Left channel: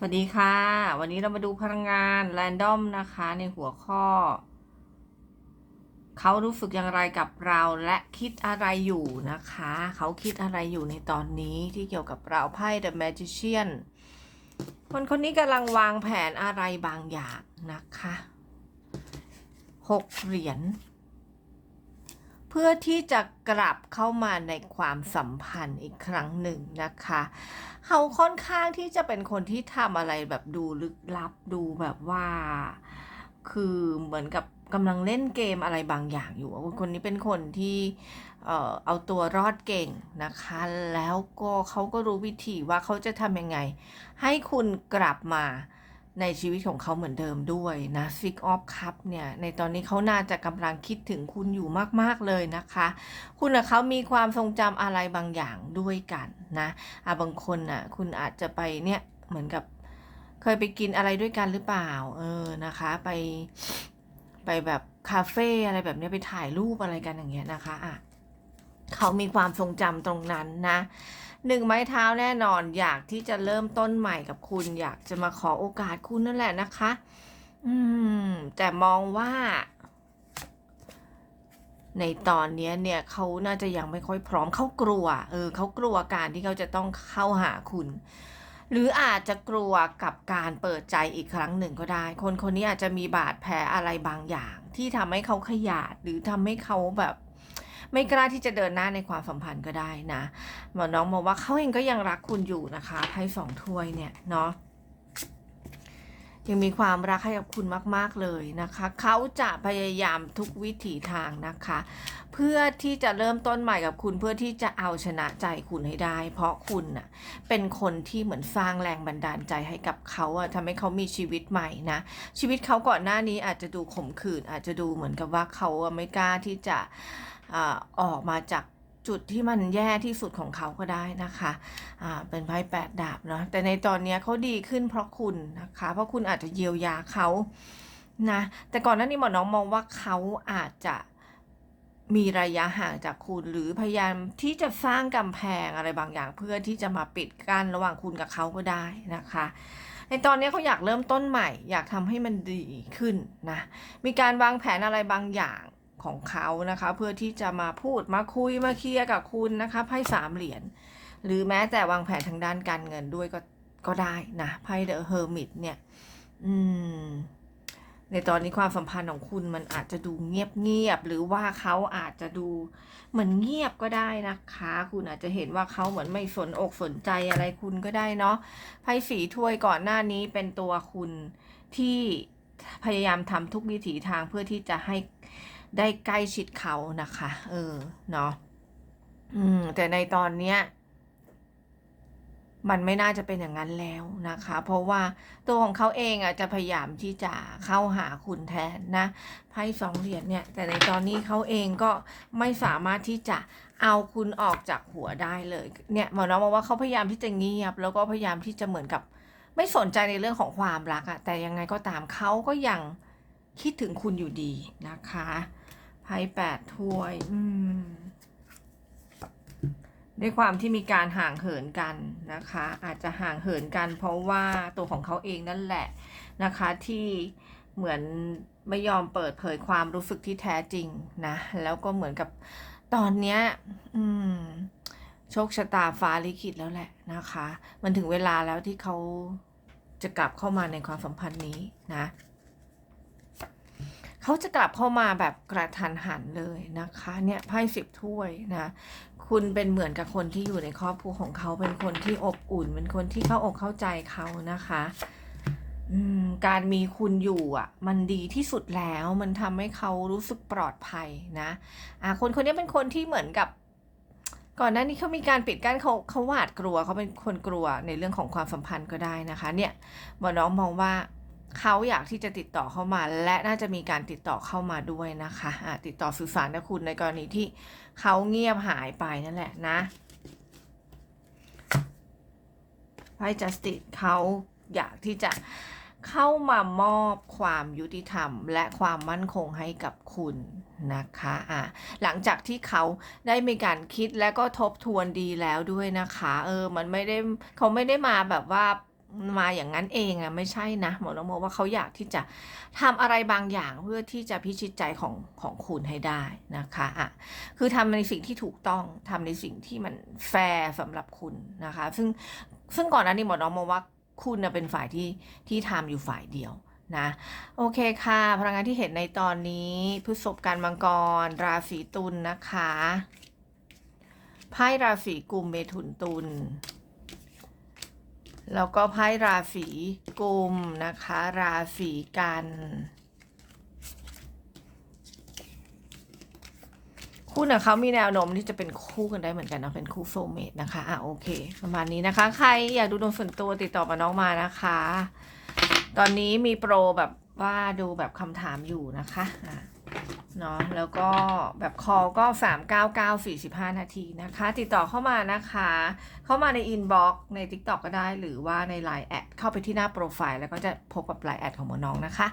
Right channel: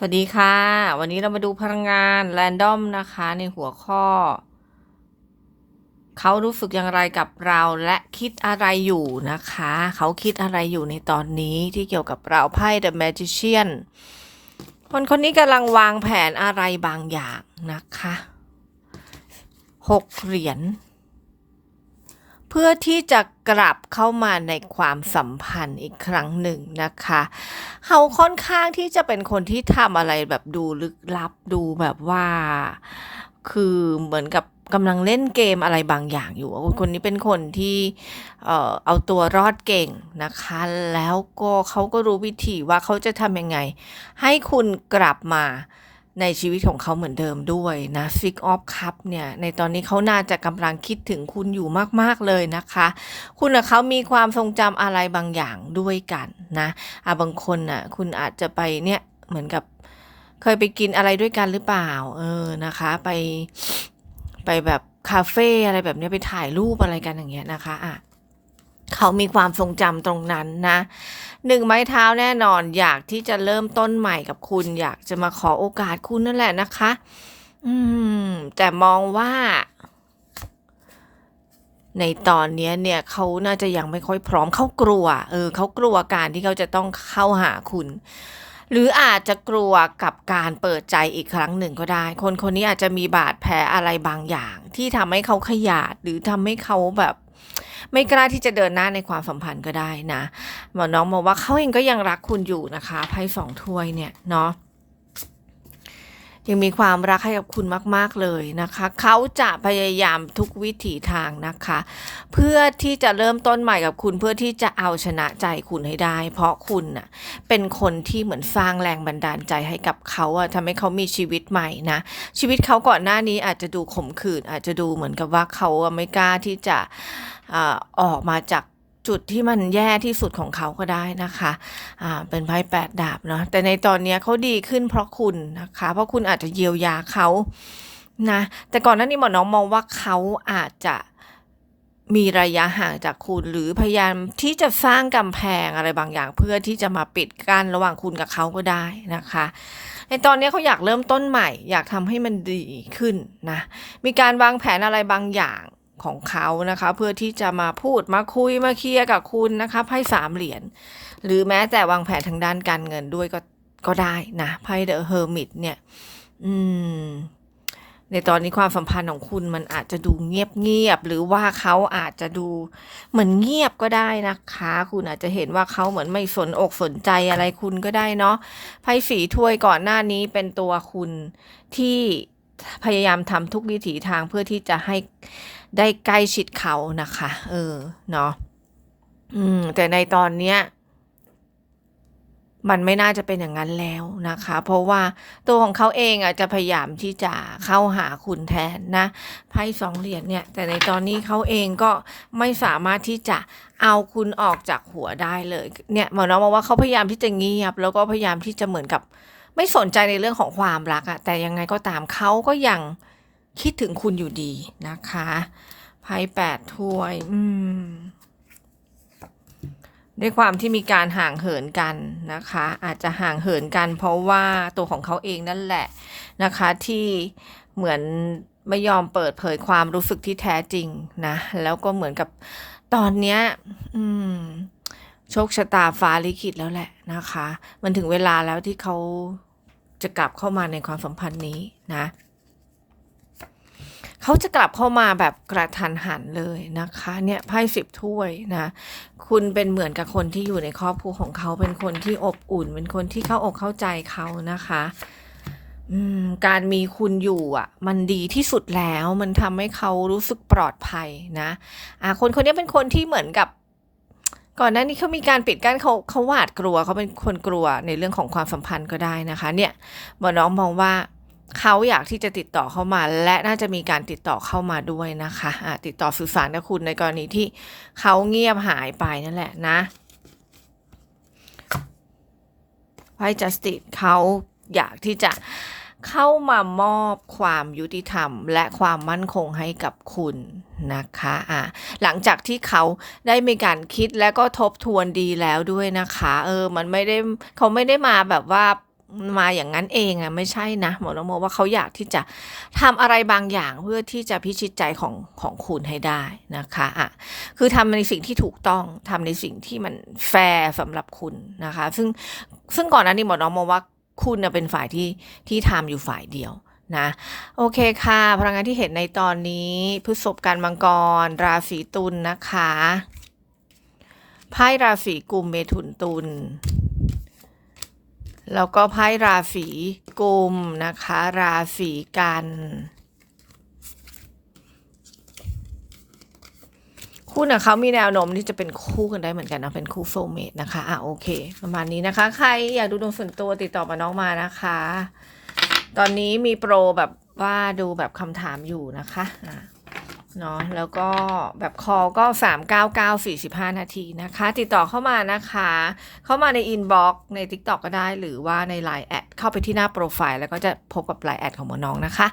สวัสดีค่ะ วันนี้เรามาดูพลังงานแรนดอมนะคะ ในหัวข้อ เขารู้สึกอย่างไรกับเราและคิดอะไรอยู่นะคะ เขาคิดอะไรอยู่ในตอนนี้ที่เกี่ยวกับเราไพ่ The Magician คนคนนี้กำลังวางแผนอะไรบางอย่างนะคะหกเหรียญ เพื่อที่จะกลับเข้ามาในความสัมพันธ์อีกครั้งหนึ่งนะคะ เขาค่อนข้างที่จะเป็นคนที่ทำอะไรแบบดูลึกลับดูแบบว่า คือเหมือนกับกำลังเล่นเกมอะไรบางอย่างอยู่ คนนี้เป็นคนที่เอาตัวรอดเก่งนะคะ แล้วก็เขาก็รู้วิธีว่าเขาจะทำยังไง ให้คุณกลับมา ในชีวิตของเขาเหมือนเดิมด้วยนะ Six of Cup เนี่ยในตอนนี้เขาน่าจะกำลังคิดถึงคุณอยู่มาก ๆ เลยนะคะ คุณกับเขามีความทรงจำอะไรบางอย่างด้วยกันนะอะบางคนน่ะคุณอาจจะไปเนี่ยเหมือนกับเคยไปกินอะไรด้วยกันหรือเปล่า เออนะคะ ไปไปแบบคาเฟ่อะไรแบบนี้ไปถ่ายรูปอะไรกันอย่างเงี้ยนะคะอะ เขามีความทรงจำตรงนั้นนะหนึ่งไม้เท้าแน่นอนอยากที่จะเริ่มต้นใหม่กับคุณ อยากจะมาขอโอกาสคุณนั่นแหละนะคะ อืม แต่มองว่า ในตอนนี้เนี่ยเขาน่าจะยังไม่ค่อยพร้อมเขากลัว เออเขากลัวการที่เขาจะต้องเข้าหาคุณหรืออาจจะกลัวกับการเปิดใจอีกครั้งหนึ่งก็ได้ คนคนนี้อาจจะมีบาดแผลอะไรบางอย่าง ที่ทำให้เขาขยาดหรือทำให้เขาแบบ ไม่กล้าที่จะเดินหน้าในความสัมพันธ์ก็ได้นะหมอน้องบอกว่าเขาเองก็ยังรักคุณอยู่นะคะไพ่สองถ้วยเนี่ยเนาะ ยังมีความรักให้กับคุณมาก ๆ เลยนะคะ เขาจะพยายามทุกวิถีทางนะคะ เพื่อที่จะเริ่มต้นใหม่กับคุณเพื่อที่จะเอาชนะใจคุณให้ได้ เพราะคุณน่ะเป็นคนที่เหมือนสร้างแรงบันดาลใจให้กับเขาอะทำให้เขามีชีวิตใหม่นะชีวิตเขาก่อนหน้านี้อาจจะดูขมขื่นอาจจะดูเหมือนกับว่าเขาไม่กล้าที่จะออกมาจาก จุดที่มันแย่ที่สุดของเขาก็ได้นะคะอ่าเป็นไพ่แปดดาบเนาะแต่ในตอนนี้เขาดีขึ้นเพราะคุณนะคะ เพราะคุณอาจจะเยียวยาเขานะแต่ก่อนหน้านี้หมอน้องมองว่าเขาอาจจะมีระยะห่างจากคุณหรือพยายามที่จะสร้างกำแพงอะไรบางอย่าง เพื่อที่จะมาปิดกั้นระหว่างคุณกับเขาก็ได้นะคะ ในตอนนี้เขาอยากเริ่มต้นใหม่ อยากทำให้มันดีขึ้นนะมีการวางแผนอะไรบางอย่าง ของเขานะคะ เพื่อที่จะมาพูดมาคุยมาเคลียร์กับคุณนะคะไพ่สามเหรียญหรือแม้แต่วางแผนทางด้านการเงินด้วยก็ก็ได้นะไพ่เดอะเฮอร์มิตเนี่ย อืม ในตอนนี้ความสัมพันธ์ของคุณมันอาจจะดูเงียบเงียบหรือว่าเขาอาจจะดูเหมือนเงียบก็ได้นะคะ คุณอาจจะเห็นว่าเขาเหมือนไม่สนอกสนใจอะไรคุณก็ได้เนาะไพ่สีถ้วยก่อนหน้านี้เป็นตัวคุณที่พยายามทำทุกวิถีทางเพื่อที่จะให้ ได้ใกล้ชิดเขานะคะ เออเนาะอืม แต่ในตอนเนี้ยมันไม่น่าจะเป็นอย่างนั้นแล้วนะคะ เพราะว่าตัวของเขาเองอะจะพยายามที่จะเข้าหาคุณแทนนะไพ่สองเหรียญเนี่ย แต่ในตอนนี้เขาเองก็ไม่สามารถที่จะเอาคุณออกจากหัวได้เลยเนี่ยหมอน้องบอกว่าเขาพยายามที่จะเงียบ แล้วก็พยายามที่จะเหมือนกับ ไม่สนใจในเรื่องของความรักอะแต่ยังไงก็ตามเขาก็ยัง คิดถึงคุณอยู่ดีนะคะไพ่แปดถ้วย อืมด้วยความที่มีการห่างเหินกันนะคะ อาจจะห่างเหินกัน เพราะว่าตัวของเขาเองนั่นแหละนะคะ ที่เหมือนไม่ยอมเปิดเผยความรู้สึกที่แท้จริงนะ แล้วก็เหมือนกับตอนเนี้ยอืมโชคชะตาฟ้าลิขิตแล้วแหละนะคะ มันถึงเวลาแล้วที่เขาจะกลับเข้ามาในความสัมพันธ์นี้นะ เขาจะกลับเข้ามาแบบกระทันหันเลยนะคะเนี่ยไพ่สิบถ้วยนะคุณเป็นเหมือนกับคนที่อยู่ในครอบครัวของเขาเป็นคนที่อบอุ่น เป็นคนที่เข้าอกเข้าใจเขานะคะการมีคุณอยู่อะ มันดีที่สุดแล้วมันทำให้เขารู้สึกปลอดภัยนะอ่าคนคนนี้เป็นคนที่เหมือนกับ ก่อนหน้านี้เขามีการปิดกั้นเขาเขาหวาดกลัวเขาเป็นคนกลัวในเรื่องของความสัมพันธ์ก็ได้นะคะ เนี่ยหมอน้องมองว่า เขาอยากที่จะติดต่อเข้ามา และน่าจะมีการติดต่อเข้ามาด้วยนะคะอ่าติดต่อสื่อสารกับคุณในกรณีที่เขาเงียบหายไปนั่นแหละนะไพ่จัสติเขาอยากที่จะเข้ามามอบความยุติธรรม และความมั่นคงให้กับคุณนะคะอ่าหลังจากที่เขาได้มีการคิดและก็ทบทวนดีแล้วด้วยนะคะ เออ มันไม่ได้เขาไม่ได้มาแบบว่า มาอย่างนั้นเองอะไม่ใช่นะหมอน้องโมว่าเขาอยากที่จะทำอะไรบางอย่างเพื่อที่จะพิชิตใจของของคุณให้ได้นะคะอะคือทำในสิ่งที่ถูกต้องทำในสิ่งที่มันแฟร์สำหรับคุณนะคะ ซึ่งซึ่งก่อนหน้านี้หมอน้องมว่าคุณเป็นฝ่ายที่ที่ทำอยู่ฝ่ายเดียวนะโอเคค่ะ พลังงานที่เห็นในตอนนี้พฤษภกันมังกร ราศีตุลนะคะไพ่ราศีกุมเมถุนตุล แล้วก็ไพ่ราศีกุมนะคะ ราศีกัน คู่เนี่ยเขามีแนวโน้มที่จะเป็นคู่กันได้เหมือนกันนะเป็นคู่โซลเมตนะคะอะโอเค ประมาณนี้นะคะ ใครอยากดูดวงส่วนตัวติดต่อมาน้องมานะคะ ตอนนี้มีโปรแบบว่าดูแบบคำถามอยู่นะคะ เนาะแล้วก็แบบคอลก็ 3 9 9 4 5 นาทีนะคะ ติดต่อเข้ามานะคะ เข้ามาในอินบ็อกซ์ใน TikTok ก็ได้ หรือว่าใน Line แอดเข้าไปที่หน้าโปรไฟล์แล้วก็จะพบกับ Line แอดของหมอน้องนะคะ